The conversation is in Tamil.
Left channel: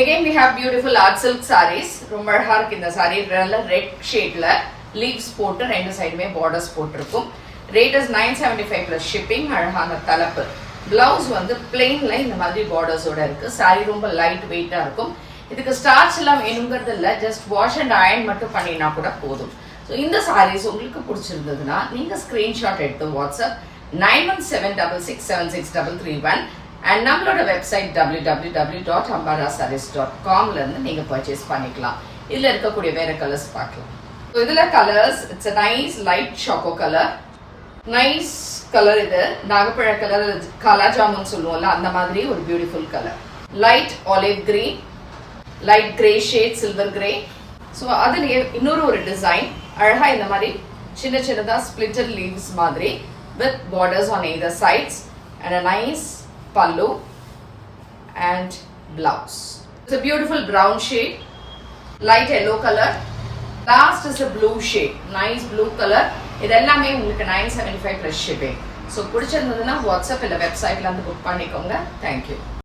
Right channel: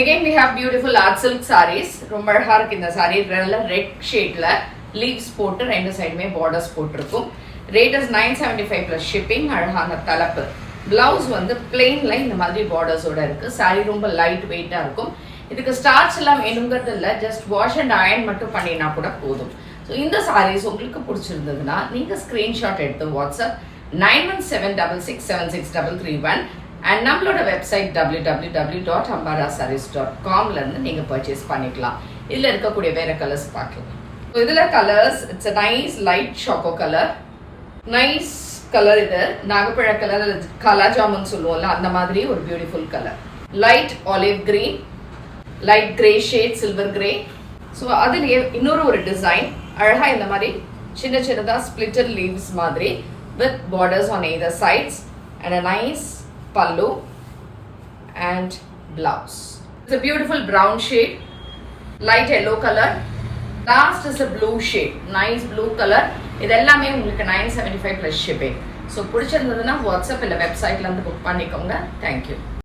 Again we have beautiful art silk sarees. ரொம்ப அழகா இருக்கு இந்த saree. நல்ல ரெட் ஷேட்ல லீவ்ஸ் போட்டு ரெண்டு சைடுமே பார்டர்ஸ் போட்டிருக்கும். Rate is 975 plus shipping. அழகான தலப்பு. பிளவுஸ் வந்து பிளெயின்ல இந்த மாதிரி பார்டர்ஸோட இருக்கு. saree ரொம்ப லைட் வெயிட்டா இருக்கும். இதுக்கு ஸ்டார்ச் எல்லாம் வேணுங்கிறது இல்ல, ஜஸ்ட் வாஷ் அண்ட் அயர்ன் மட்டும் பண்ணினா கூட போதும். ஸோ இந்த சாரீஸ் உங்களுக்கு பிடிச்சிருந்ததுன்னா நீங்க ஸ்கிரீன்ஷாட் எடுத்து வாட்ஸ்அப் 9176676331 அண்ட் நம்மளோட வெப்சைட் www.ambarasarees.com இருந்து நீங்க பர்ச்சேஸ் பண்ணிக்கலாம். இதுல இருக்கக்கூடிய வேற கலர்ஸ் பார்க்கலாம். இதுல colours it's a nice light choco color. Nice colour. இது நாகப்பழ கலர், கலா ஜாமுன் சொல்லுவோம்ல அந்த மாதிரி ஒரு beautiful colour. Light olive green, light grey shade, silver grey. So அதுலயே இன்னொரு ஒரு டிசைன் அழகா இந்த மாதிரி சின்ன சின்னதா ஸ்பிளிட்டட் லீவ்ஸ் மாதிரி with borders on either sides and a nice pallu and blouse. It's a beautiful brown shade, light yellow color. Last is a blue shade, nice blue color. இதெல்லாமே உங்களுக்கு 975 plus shipping. So பிடிச்சிருந்ததுன்னா வாட்ஸ்அப் இல்ல வெப்சைட்ல இருந்து புக் பண்ணிக்கோங்க. Thank you.